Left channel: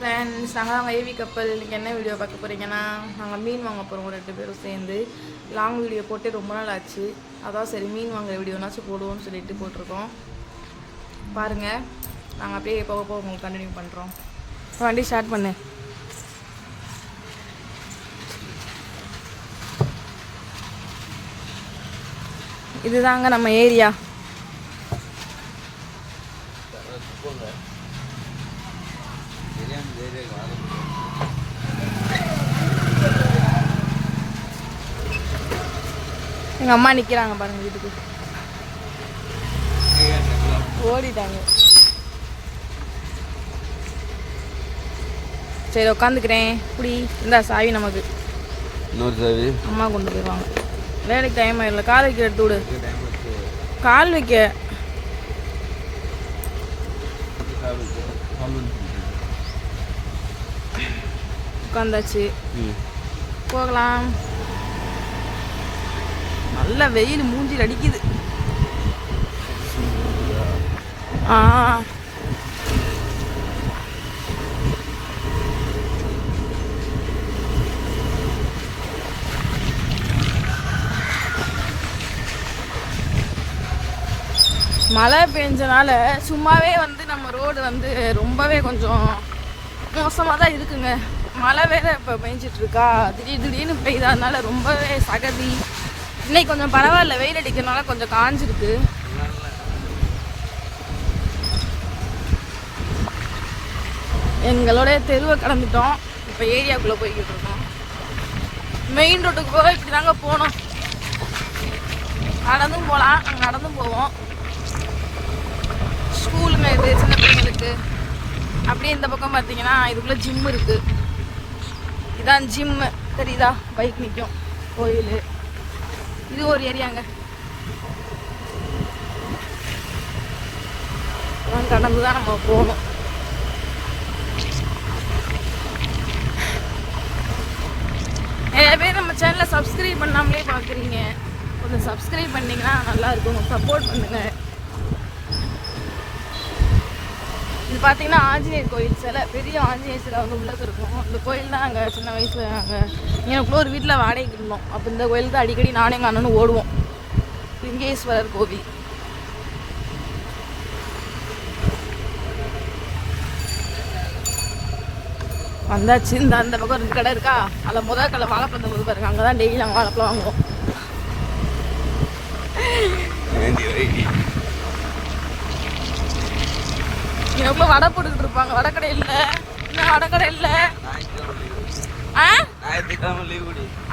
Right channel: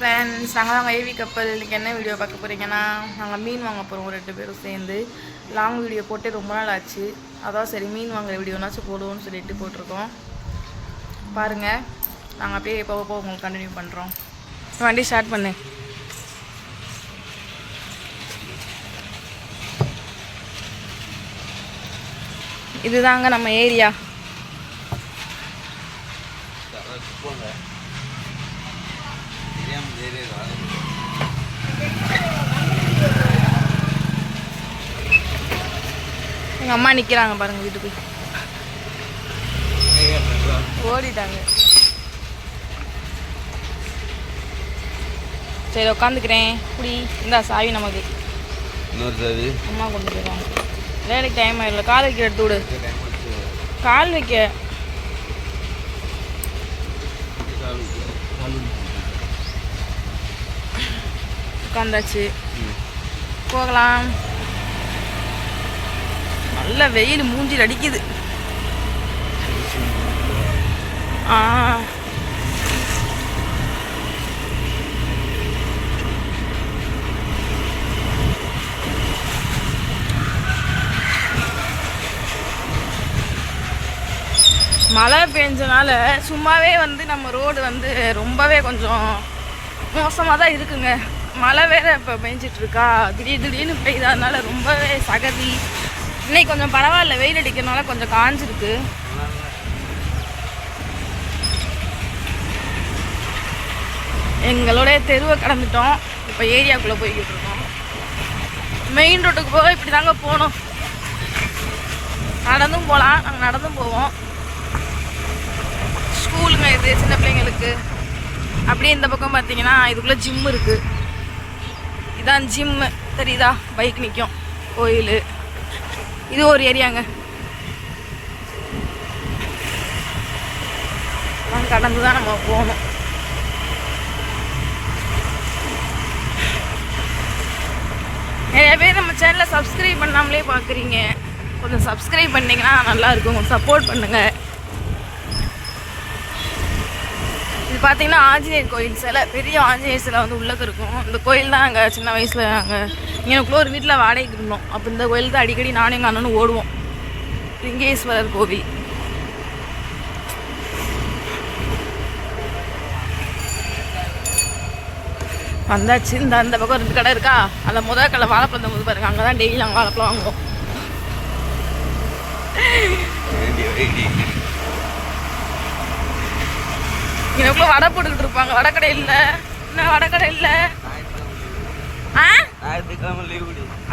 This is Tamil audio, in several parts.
ஃப்ரெண்ட்ஸ், நாங்கள் ஏவி கப்பல் இன்றைக்கி என்ன வீடியோ பார்க்க போகிறீங்கன்னா, நாங்கள் மீன் வாங்க போகிறோம் 2 பேரும் சேர்ந்து. லாங் வீடியோ போட்டு ரொம்ப நாள் ஆச்சு. அதான் சரி மீன் வாங்குற வீடியோனாச்சும் போடுவோம்னு சொல்லிட்டு போட்டிருக்கோம். பாருங்கள், நாங்கள் அப்படியே போக போக உங்களுக்கு கண்டினியூ பண்ணுறோம். வண்டி ஸ்டார்ட் பண்ணு. இதுதாங்க நம்ம ஏரியா. எங்கள் அம்மா நிற்கிறாங்க பாருங்கள், வீட்டுக்கு ஓடிட்டாங்க. சரி உட்காந்துக்கிறேன். இப்படி இந்த சாவி நமக்கு அம்மா கொண்டு போயிடுவாங்க. வேலைக்கு டைம் ஆயிடல. கால் வைக்க எடுத்து விடு. கால் வைக்க உட்காந்தாச்சு, போகலாம். நல்ல வெயில் மூஞ்சில் அடிக்குது. மழை பெஞ்சனால சும்மாவே நம்ம ரோடு ரொம்பவே கொஞ்சம் மோசமாக தான் இருக்குங்க. மழை வேறு இப்போ பெஞ்சிட்ருக்கா, திடீர்னு பெய்ததுனால ரொம்பவே சகதி. இன்னைக்கு கொஞ்சம் பரவாயில்ல, வெயில் அடிக்கிறதுனால கொஞ்சம் காஞ்சிருக்கு. எங்களோடைய தெருவை கடந்துட்டோம். இப்போ ஏரியாக்குள்ளே போய்கிட்டு இருக்கோம். மெயின் ரோட்டுக்கு போக இப்படி தாங்க போகணும். நடந்தும் போகலாம், நாங்கள் நடந்தும் போவோம். ஸ்கூலுங்க இது சின்ன பிள்ளைங்களுக்கு. அப்படியே இந்த பக்கம் பார்த்தீங்கன்னா இதுக்குள்ளே ஜிம் இருக்குது. இதான் ஜிம்மு தெரியுதா, பைக் நிற்கும். கோயில் இது ஒரு ஏரியாங்க. கடந்து தான் நம்ம போகணும். நிறைய பேர் நம்ம சேனலை சப்ஸ்கிரைப் பண்ணாமலே பார்க்குறீங்க. கொஞ்சம் சப்ஸ்கிரைப் பண்ணிங்கன்னா நல்லாயிருக்கும். கொஞ்சம் சப்போர்ட் பண்ணுங்கள். இது பார்த்தீங்கன்னா ஆஞ்சநேயர் கோயில் சிலை, பெரிய ஆஞ்சநேயர் சிலை உள்ளே இருக்கும். இந்த கோயில் தான் அங்கே சின்ன வயசில் நாங்கள் எனக்குள்ள ஒரு வீட்டில் வாடகைக்கு இருந்தோம். அப்போ இந்த கோயில் தான் அடிக்கடி நானும் எங்கள் அண்ணனும் ஓடுவோம். லிங்கேஸ்வரர் கோவில். வந்தாச்சு. அந்த பக்கம் 2 கடை இருக்கா, அதில் முதல் கடை வாழைப்பழம் போது பாருங்க. அங்கே தான் டெய்லி நாங்கள் வாழைப்பழம் வாங்குவோம். எனக்குள்ள வடை போட்டுக்கிட்டு இருப்பாங்க. வடக்கடை இல்லை, இன்னும் வடக்கடை இல்லை.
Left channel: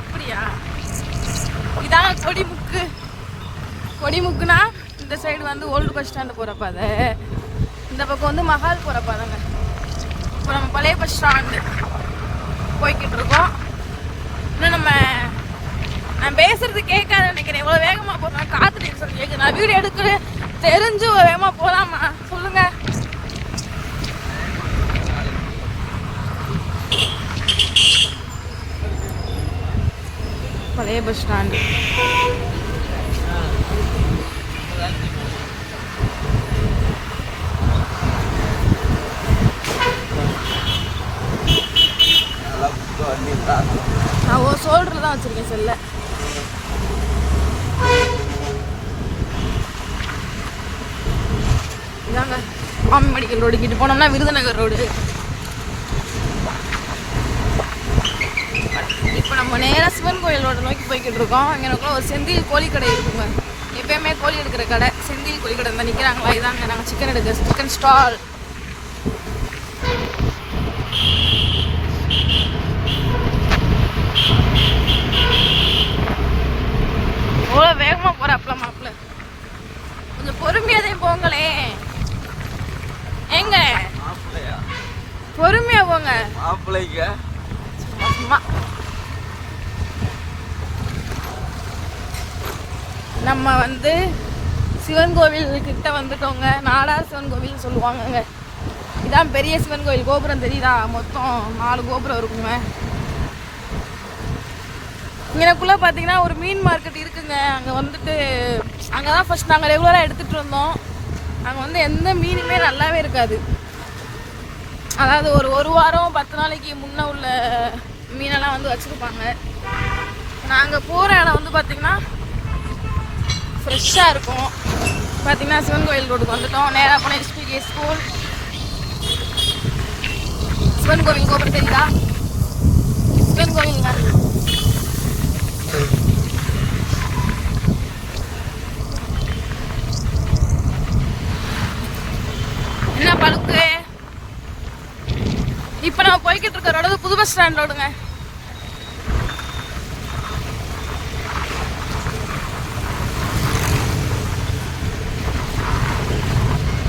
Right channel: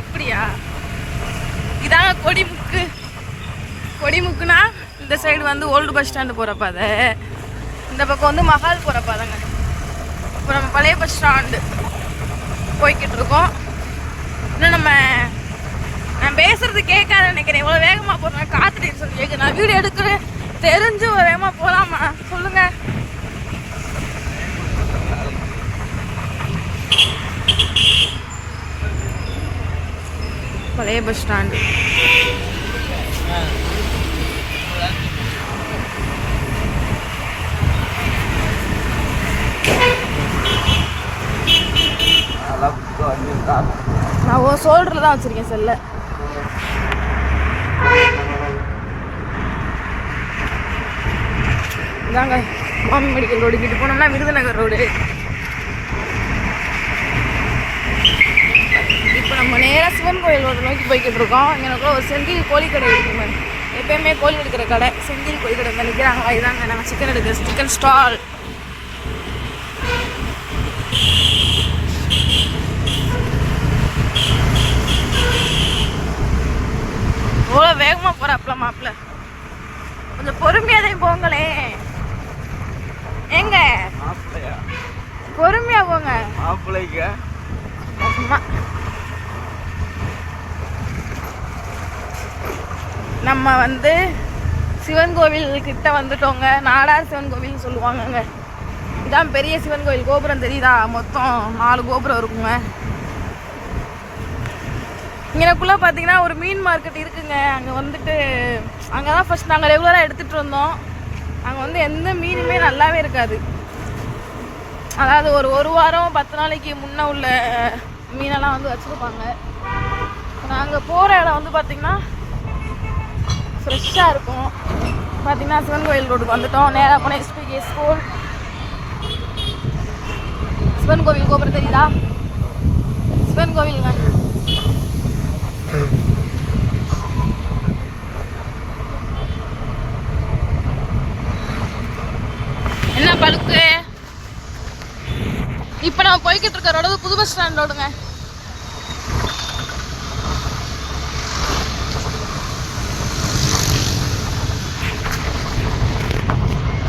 அப்படியா? இதாங்க கொடிமுக்கு. கொடிமுக்குனா இந்த சைடு ஓல்டு பஸ் ஸ்டாண்டு போகிறப்ப, அதை இந்த பக்கம் மகால் போகிறப்ப தாங்க. இப்போ நம்ம பழைய பஸ் ஸ்டாண்டு போய்கிட்டு இருக்கோம். இன்னும் நான் பேசுறது கேட்காத நினைக்கிறேன். இவ்வளோ வேகமாக போகிறேன். காத்துட்டு சொல்லி கேட்குறேன். நான் வீடு எடுக்க தெரிஞ்சு வேகமாக போகலாமா சொல்லுங்க. பழைய பஸ் ஸ்டாண்டு. நான் ஒரு சோல்டரில் தான் வச்சுருக்கேன் செல்ல. இதாங்க மாமி மெடிக்கல் ரோடு. கிட்ட போனோம்னா விருதுநகர் ரோடு. இப்போ நம்ம நேராக சிவன் கோயில் ரோடு நோக்கி போய்கிட்டு இருக்கோம். எனக்கு ஒரு செந்தில் கோழிக்கடை இருக்குங்க. எப்பயுமே கோழி எடுக்கிற கடை செந்தில் கோழிக்கடை தான் நிற்கிறாங்களா. இதாங்க நாங்கள் சிக்கன் எடுக்கிறோம். Chicken stall. அவ்வளோ வேகமாக போகிறாப்புல மாப்பிள்ள. கொஞ்சம் பொறுமையாதே போங்களே. ஏங்க பொறுமையா போங்க. சும்மா நம்ம சிவன் கோவில் கிட்ட வந்துட்டோங்க. நாடார் சிவன் கோவில்னு சொல்லுவாங்கங்க. இதான் பெரிய சிவன் கோவில். கோபுரம் தெரியுதா? மொத்தம் 4 கோபுரம் இருக்குங்க. இங்கனக்குள்ளே பார்த்தீங்கன்னா ஒரு மீன் மார்க்கெட் இருக்குங்க. அங்கே அங்கே தான் ஃபஸ்ட் நாங்கள் ரெகுலராக எடுத்துகிட்டு இருந்தோம். அங்கே எந்த மீனுமே நல்லாவே இருக்காது. அதாவது ஒரு வாரம் 10 நாளைக்கு முன்னே உள்ள மீனெல்லாம் வந்து வச்சுருப்பாங்க. நாங்கள் போகிற இடம் வந்து பார்த்திங்கன்னா ஃப்ரெஷ்ஷாக இருக்கும். பார்த்திங்கன்னா சிவன் கோயில் ரோடுக்கு வந்துட்டோம். நேராக போனால் எஸ்பிஜே ஸ்கூல். சிவன் கோவில் கோபுரம் தெரியுதா? சிவன் கோவிலுங்க. என்ன பழுக்கு? இப்போ நான் போய்கிட்டு இருக்க ரோடு புது பஸ் ஸ்டாண்ட் ரோடுங்க.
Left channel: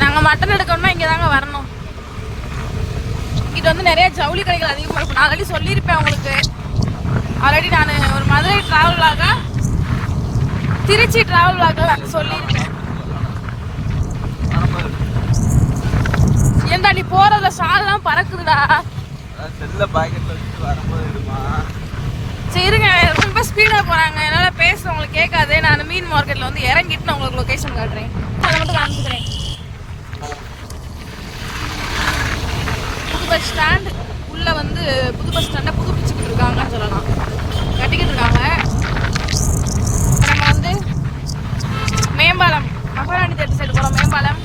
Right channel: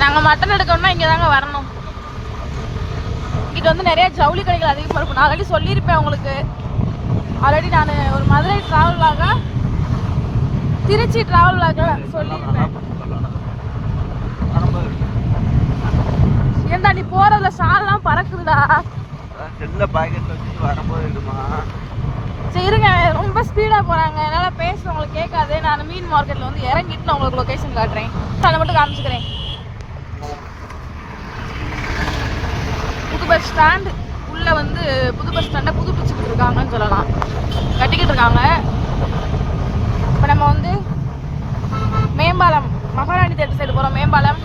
நாங்கள் மட்டன் எடுக்கணும்னா இங்கே தாங்க வரணும். இது வந்து நிறைய ஜவுளி கடைகள் அதிகமாக இருக்கும். நான் ஆல்ரெடி சொல்லியிருப்பேன் உங்களுக்கு. ஆல்ரெடி நான் ஒரு மதுரை ட்ராவலாக திருச்சி ட்ராவலாக சொல்லியிருப்பேன். ஏன்டா நீ போறதுல ஷால்லாம் பறக்குதுடா. சரிங்க, ரொம்ப ஸ்பீடாக போகிறாங்க. என்னால் பேச உங்களுக்கு கேட்காது. நான் மீன் மார்க்கெட்டில் வந்து இறங்கிட்டு நான் உங்களுக்கு லொக்கேஷன் காட்டுறேன். அதை மட்டும் காமிச்சுக்கிறேன். புது பஸ் ஸ்டாண்ட் உள்ளே வந்து புது பஸ் ஸ்டாண்டை புதுப்பிச்சுக்கிட்டு இருக்காங்கன்னு சொல்லலாம். கட்டிக்கிட்டு இருக்காங்க. இப்போ நம்ம வந்து மேம்பாலம் மகாராணி தேட்டர் சைடு போகிறோம். மேம்பாலம்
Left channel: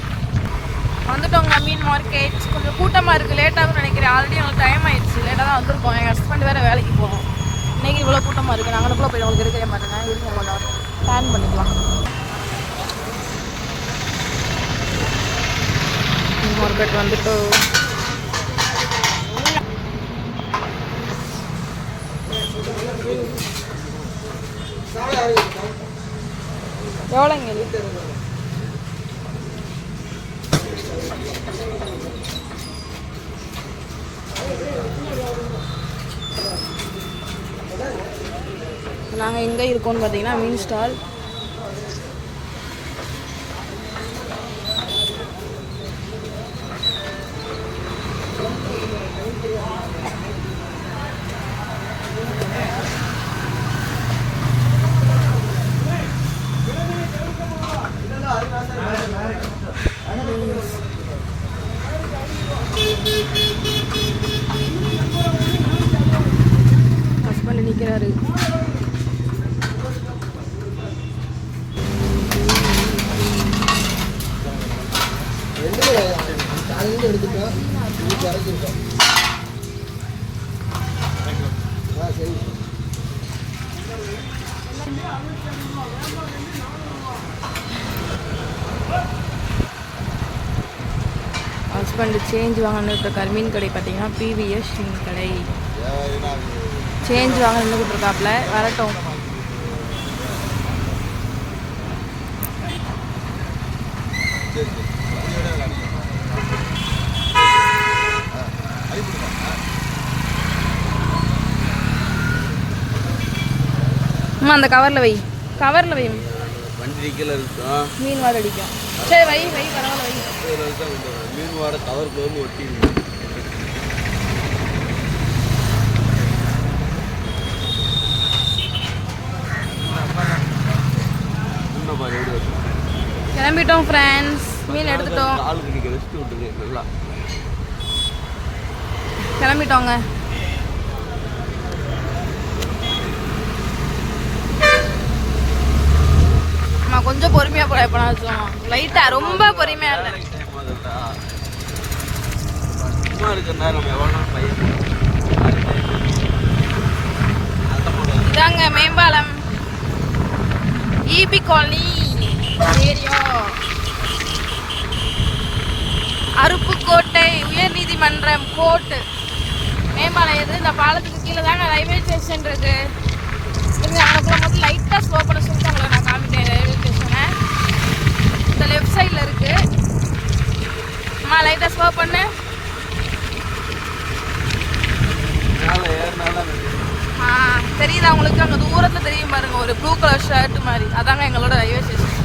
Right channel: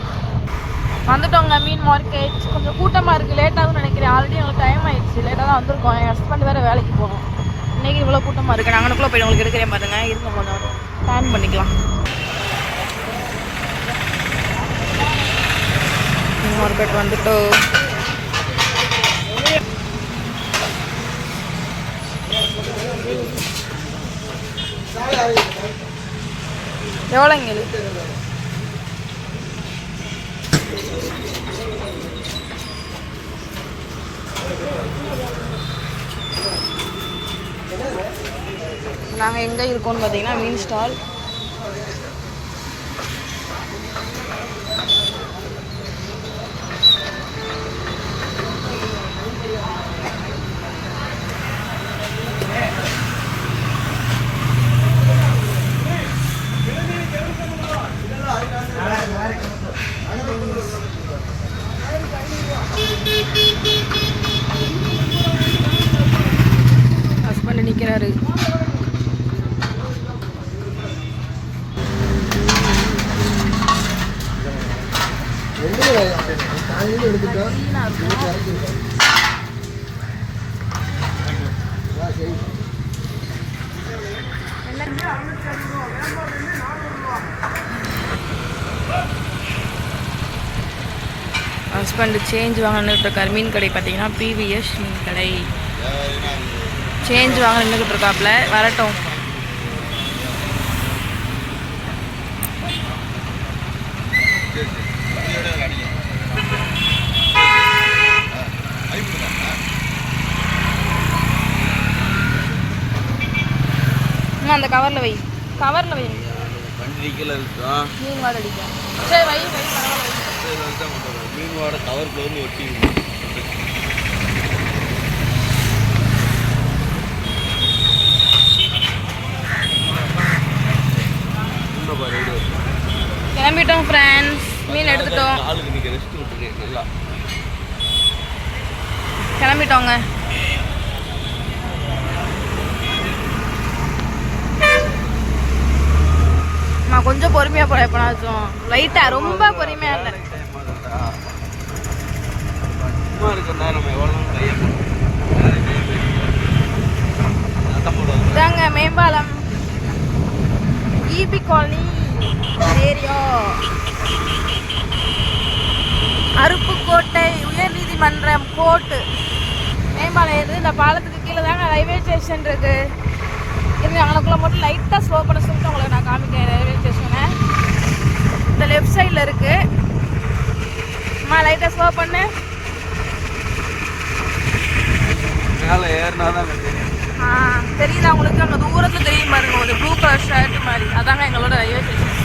வந்துட்டோங்க. மீன் மார்க்கெட் கொஞ்சம் கூட்டமாக இருக்குது. லேட்டாகவும் நினைக்கிறேன். ஆல்ரெடி எங்களுக்கு டைம் ஆயிடுச்சு. லேட்டாக தான் வந்திருக்கோம். எங்கள் ஹஸ்பண்ட் வேறு வேலைக்கு போகிறோம். இன்றைக்கி இவ்வளோ கூட்டமாக இருக்குது. நாங்கள் அங்கனுக்குள்ளே போய் உங்களுக்கு எடுக்கிறேன் பாருங்கள். இருங்க கொஞ்சம் பிளான் பண்ணிக்கலாம். மீன் மார்க்கெட் வந்துட்டோ. எவ்வளோங்க இது? நாங்கள் எங்கே இருக்கோம்னு பார்த்தீங்கன்னா மீன் ஸ்டால். ஹஸ்பண்ட் நிற்கிறாரு. ஹஸ்பண்ட் சேஞ்ச் வாங்கிட்டு இருக்காரு. மீன் கடை பார்த்தீங்கன்னா பிவிஎஸ் மீன் கடை. சேஞ்ச் வாங்க நின்றுக்கிட்டு இருக்காப்புல. வரட்டும். அந்த கவரில் வை. கவரில் வை. மீன் வாடை அடிக்கும். சரி வை வை பரவாயில்ல வை. மீன் வாடை கவர் போது ஒட்டி. கிளம்பிட்டோம் ஃப்ரெண்ட்ஸ். மீன் எடுத்துட்டோம். கிளம்பிட்டோங்க. நான் கொஞ்சம் பொறுமையாக போகிறேன். இப்போ நான் லைட்டாக ரொம்ப பொறுமையாக இல்லை. இதாங்க மேம்பாலம் இபி காலனி ஏரியா. அருப்புக்கோட்டை உயர்நீதிமன்றம் கோர்ட்டு மேம்பாலம் எது. இந்த பாலத்துக்கு கீழே தாங்க ரயில்வே ஸ்டேஷன் இருக்கு. இருங்க அவங்களுக்குள்ள மட்டும் லைட்டாக ஸ்லோ பண்ண சொல்லிட்டு அவங்கள நான் காமிட்டேன். ரயில்வே ஸ்டேஷனை இந்த லெஃப்ட் சைடில் இருக்கு. அம்மா லைட்டாக ஸ்லோ பண்ணு. தெரியல உங்களுக்கு? அங்கே தூரத்தில் தெரியும் பாருங்க ஒரு ப்ளூ கலர் ஷர்ட் மாதிரி. அதாங்க எங்களோட ரயில்வே ஸ்டேஷன்.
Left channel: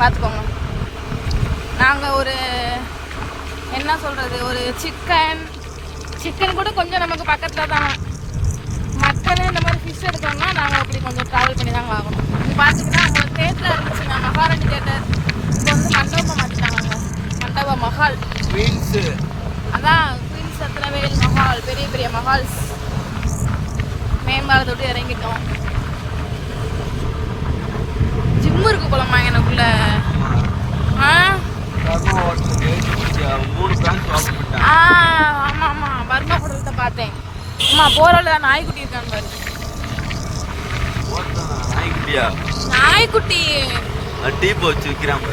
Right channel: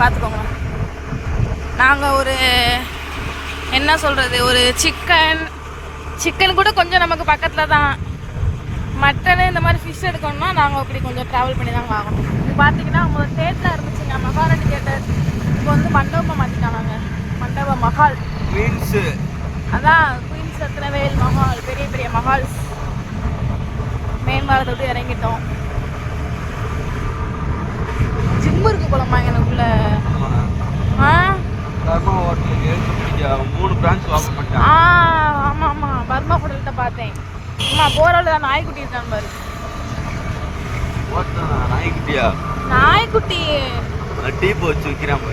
பார்த்துக்கோங்க. நாங்கள் ஒரு என்ன சொல்கிறது, ஒரு சிக்கன் கூட கொஞ்சம் நமக்கு பக்கத்தில் தான். மட்டன் இந்த மாதிரி ஃபிஷ் எடுத்தோம்னா நாங்கள் அப்படி கொஞ்சம் ட்ராவல் பண்ணி தான் வாங்கணும். இது பார்த்தீங்கன்னா அவங்களோட தேட்டரில் இருந்துச்சுங்க மகாராணி தேட்டர். இப்போ வந்து மண்டபம் மாற்றிட்டாங்க. மண்டப மஹால். குயின்ஸ். அதான் குயின்ஸ் ரத்னவேல் மஹால், பெரிய பெரிய மஹால்ஸ். மேம்பாலத்தை விட்டு இறங்கிட்டோம். ஜிம் இருக்கு போலமா எனக்குள்ள. ஆமா ஆமா பர்மா படத்தை பார்த்தேன். அம்மா போராள நாய்க்குட்டி இருக்கான் பாரு. நாய்க்குட்டி டீப் வச்சு விற்கிறாங்க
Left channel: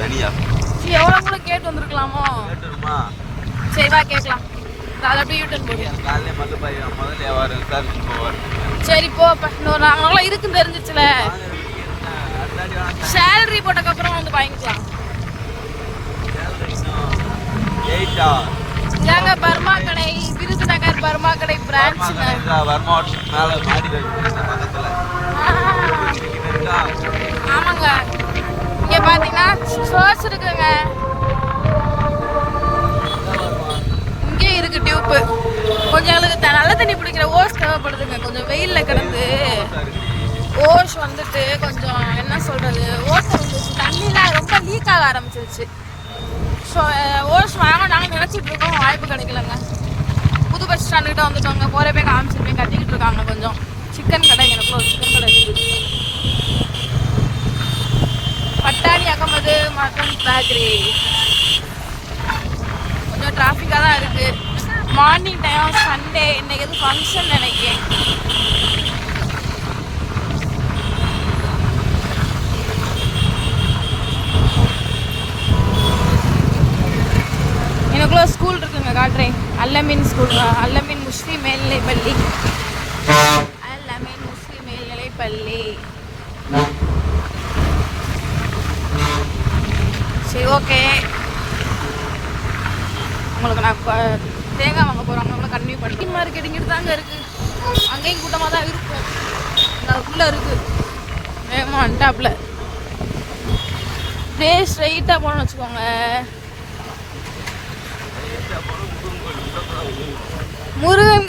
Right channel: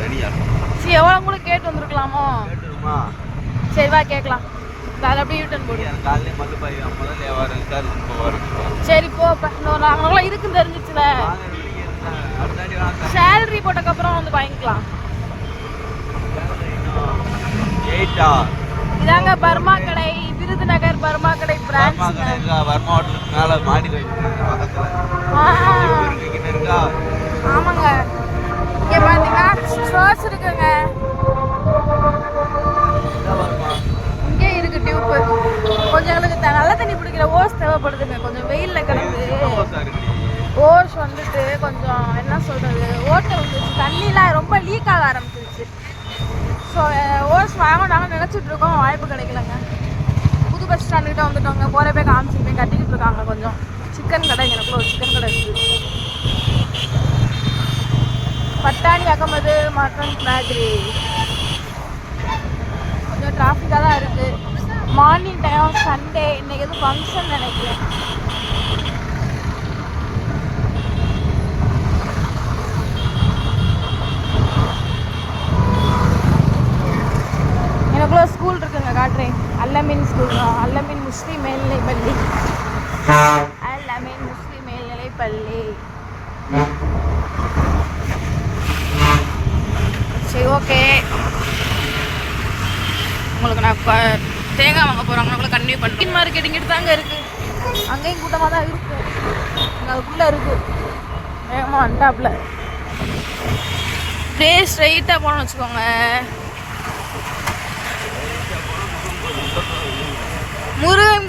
தனியா. சரி எவ்வளோ கூட கேட்டு வந்துருக்கலாமோ. சரி வா கேட்கலாம். அப்படியே யூட்டன் போடுவோம். சரி போ. நாங்களாம் இருக்குன்னு தெரிஞ்சிச்சுல. சேலரி போட்டதுக்கப்புறம் வந்து வாங்கிக்கலாம். இதாங்க பர்மா கடை, விருதுநகர் பர்மா கடை பிரான்ச். ஆமாங்க. இங்க பாத்தீங்கன்னா சோர்ஸ் இருக்குங்க. இங்கே இருக்கு டியூப்பு. கொஞ்சம் அதுக்கு நல்ல தண்ணி பிடிக்கிற ஓஸ் தேவைப்படுதுங்க. கொஞ்சம் வெயில்ல கிடந்து ஓஸ் வந்துட்டு கொஞ்சம் என்ன சொல்றது, ஓட்டை வந்துச்சு. தண்ணிலாம் ரொம்ப லீக் ஆக ஆரம்பிச்சிருச்சு. ஸோ ஓஸ் வாங்கினாலும் நினச்சிட்டு இருக்கோம், வாய்ப்பு கிடைக்கலங்க. புது பஸ் ஸ்டாண்டுக்கிட்ட வந்துட்டோங்க. போகிற போய் காமிச்சிருப்பேன், கத்திக்கிட்டு இருக்காங்க. கொஞ்சம் சிக்கன் கடை, எனக்குள்ள ஒரு சிக்கன் கடை இருக்குது. பட்டாணி அகமது மட்டன் பேக்கரி. கொஞ்சம் டிராஃபிக்காக தான் இருக்குது. Morning time, Sunday. இன்னைக்கு எதுவும் ஃபங்க்ஷன் நினைக்கிறேன். எனக்குள்ள ஸ்கூல் இருக்குங்க, காட்டுறேன். அல்லமீன் ஸ்கூலுங்க. அல்லமீன் முஸ்லீம் மேல்நிலைப்பள்ளி. அல்லமீன் முஸ்லீம் மேல்நிலைப்பள்ளி. சரி ஓகே. உங்களுக்கு நான் இப்போ தேங்காய் வாங்க போகிறாங்க. நம்மள கன்டினியூ பண்ணுறேன். மார்க்கெட் இங்கிட்டு தாங்க இருக்குது. அங்கேயும் கூட்டமாக தான் இருக்கும். அதுக்குள்ளே இருக்குது. வேகமாக வந்துட்டாப்புல. அப்படியே ஸ்ட்ரைட்டாக போகணும்னு வச்சுக்கோங்க. முருகன்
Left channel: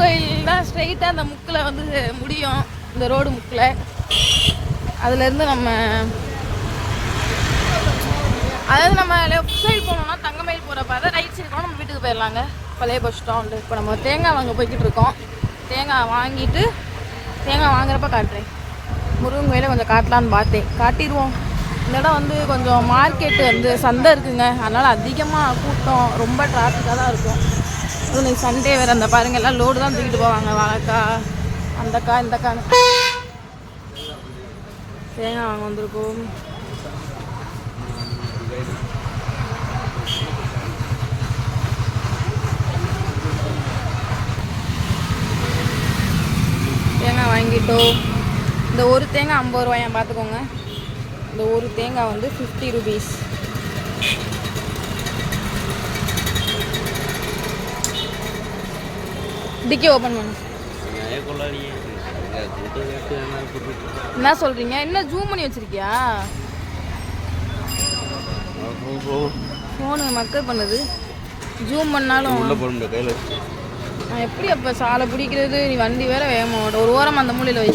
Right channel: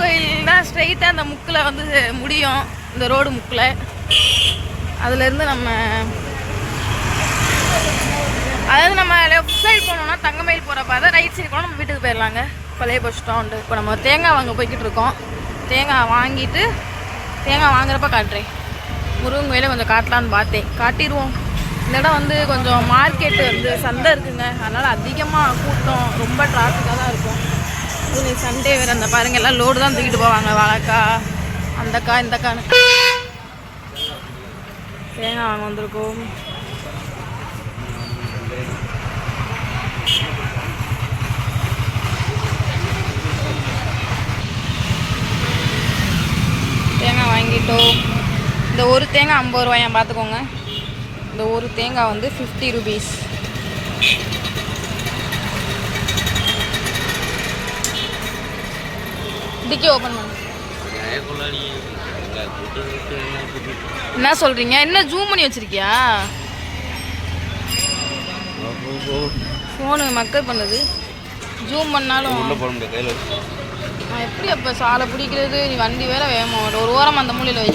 கோவில் தான் ஸ்ட்ரைட்டாக அந்த முக்கில் வந்து முடியும். இந்த ரோடு முக்கில். அதுலேருந்து நம்ம லெஃப்ட் சைடு போனோம்னா தங்கமயில் போகிற பாதை, ரைட் சைடு போனால் நம்ம வீட்டுக்கு போயிடலாங்க. பழைய பஸ் ஸ்டாண்டு. இப்போ நம்ம தேங்காய் வாங்க போய்கிட்டு இருக்கோம். தேங்காய் வாங்கிட்டு தேங்காய் வாங்குறப்ப காட்டுறேன். முருகன் கோயிலை கொஞ்சம் காட்டலான்னு பார்த்தேன். காட்டிடுவோம். இந்த இடம் வந்து கொஞ்சம் மார்க்கெட்டு வந்து சந்தை இருக்குங்க. அதனால் அதிகமாக கூட்டம், ரொம்ப டிராஃபிக்காக தான் இருக்கும். இது சண்டே வேறு. அந்த பாருங்கள், எல்லாம் லோடு தான் தூக்கிட்டு போவாங்க. வாழைக்காய், அந்தக்காய், இந்தக்காய். தேங்காய் வாங்க வந்திருக்கோம். தேங்காய் வாங்கிட்டோம். இந்த ஒரு தேங்காய் 50 ரூபாயா பார்த்துக்கோங்க. இந்த ஒரு தேங்காய் வந்து 50 rupees. டிக்கி ஓப்பன் பண்ணு. என்ன சொல்றீங்க? என்ன ஜூம் பண்ணி வச்சிருக்கியா? ஃபோனு மக்கள் பண்ணுது. ஜூம் பண்ணாலும் நான் எப்படி அப்போ சாலை பிடிக்கிறது? நீ வண்டி வேற வேகமா ஓடும். ஒரு ஓரம் அந்த மூலையில் வை.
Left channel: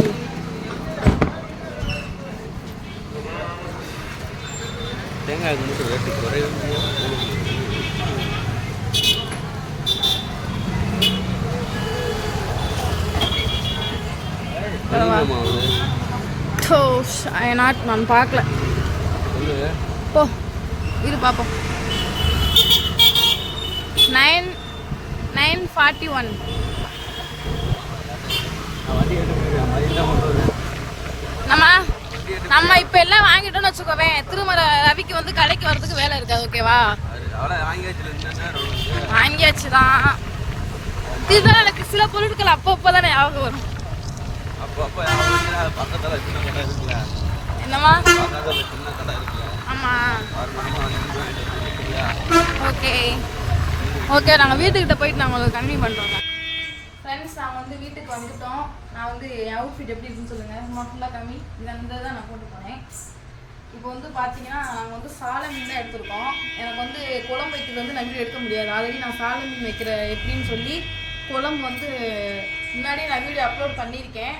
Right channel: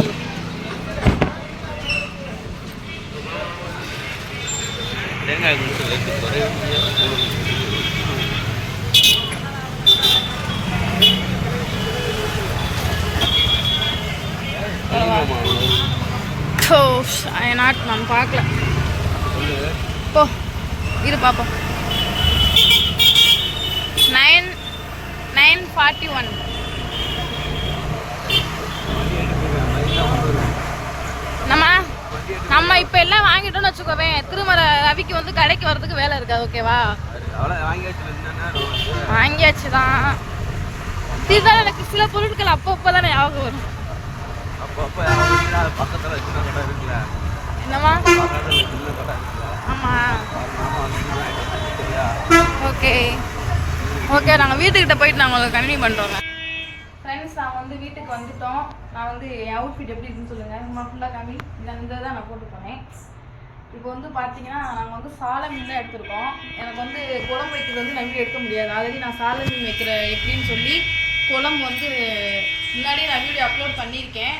நான் பார்க்கல. போ இரு பார்ப்போம். 941. நம்ம இப்போ எல்லாம் வாங்கிட்டோம்னு வச்சுக்கோவேன். திருமலை ரவிக்கு வந்து கடைக்கு வர்றதுக்கு வேலை இருக்காது. ஓகேவா? வாங்கியாச்சு தான். தீபாவளி எனக்கு சில பொருட்கள் அப்போ தானே ஞாபகம் வரும். என்னம்மா? ஆமாம். Okay okay. நாங்கள் வீட்டுக்கிட்ட போயிட்டு நாங்கள் உங்களுக்கு கண்டினியூ பண்ணுறோங்க. ஃப்ரெண்ட்ஸ், நாங்கள் வந்து வீட்டுக்கு வந்துட்டோம். நான் வந்து என் அவுட்ஃபிட் எப்படி இருக்குன்னு சொல்லுங்கள். சும்மா ஃபுல்லாக கம்மி. இந்த தான் நான் போட்டு போனேன். இப்போ வந்து பார்த்தீங்கன்னா நாங்கள் வந்து சாலை மீன் தான் எடுத்துருக்கோம். எனக்கு வந்து குழம்பு வைக்கிறது வந்து நம்பி எடுக்க முடியாது. ஆல்ரெடி நான் சாலை மீன் வைக்கிற எப்படின்னு சொல்லி குழம்பு வந்து முன்னாடியே நான் வீடியோ அப்லோட் பண்ணியிருக்கேன்.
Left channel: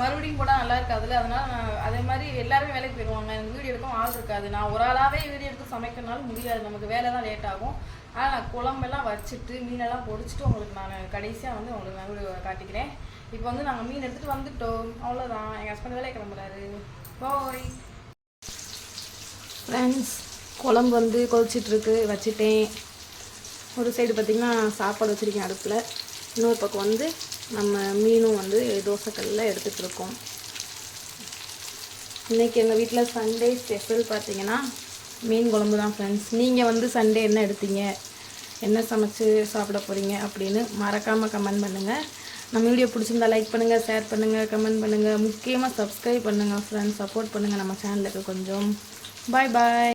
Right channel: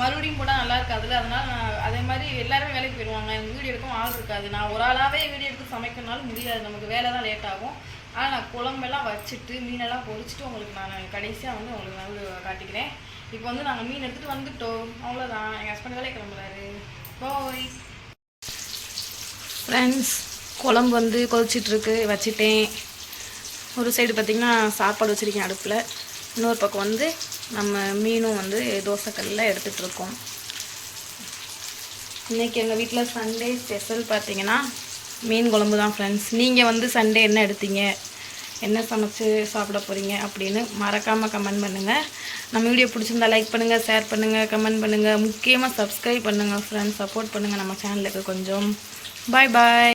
மறுபடியும் போட்டால் நல்லா இருக்காதுல்ல, அதனால் நான் அதே மாதிரி எல்லாருமே வேலைக்கு போயிடுவாங்க, எனக்கு வீடியோ எடுக்கவும் ஆள் இருக்காது. நான் ஒரு ஆளாகவே வீடியோ எடுத்து சமைக்கணும்னாலும் முடியாது, நமக்கு வேலை தான் லேட் ஆகும். ஆனால் நான் குழம்பெல்லாம் வச்சுட்டு மீனெல்லாம் பொரிச்சிட்டு உங்களுக்கு நான் கடைசியாக வந்து உங்களுக்கு நான் வீடியோ காட்டிக்கிறேன். இப்போ வந்து நாங்கள் மீன் எடுத்துகிட்டு வந்துட்டோம், அவ்வளோதான். எங்கள் ஹஸ்பண்ட் வேலையை கிளம்புறாரு. Bye friends. குழம்பு வந்து கொதிச்சிட்ருக்கு, வச்சுட்டேன். ஒரு சைடு பார்த்திங்கன்னா சாப்பாடு வச்சுருக்கேன் அடுப்பில், இன்னொரு பக்கம் வந்து நம்ம மீனும் வந்து தோசைக்கல்லில் எடுத்துகிட்ருக்கோம். இன்றைக்கி எங்கள் வீட்டில் சண்டே ஸ்பெஷல் பார்த்திங்கன்னா மீன் குழம்பு தான் ஃப்ரெண்ட்ஸ். நீங்கள் வந்து சண்டே என்ன எடுத்தீங்க, என்ன சமைச்சு சாப்பிட போகிறீங்க அப்படின்னு மறக்காமல் கமெண்ட் பண்ணுங்கள். நம்ம வீடியோ பிடிச்சிருந்தா லைக் பண்ணுங்கள், ஷேர் பண்ணுங்கள், கமெண்ட் பண்ணுங்கள், முக்கியமாக சப்ஸ்கிரைப் பண்ணுங்கள் ஃப்ரெண்ட்ஸ். சப்போர்ட் பண்ணுங்கள் நம்ம சேனலுக்கு கொஞ்சம். பாய் பாய்.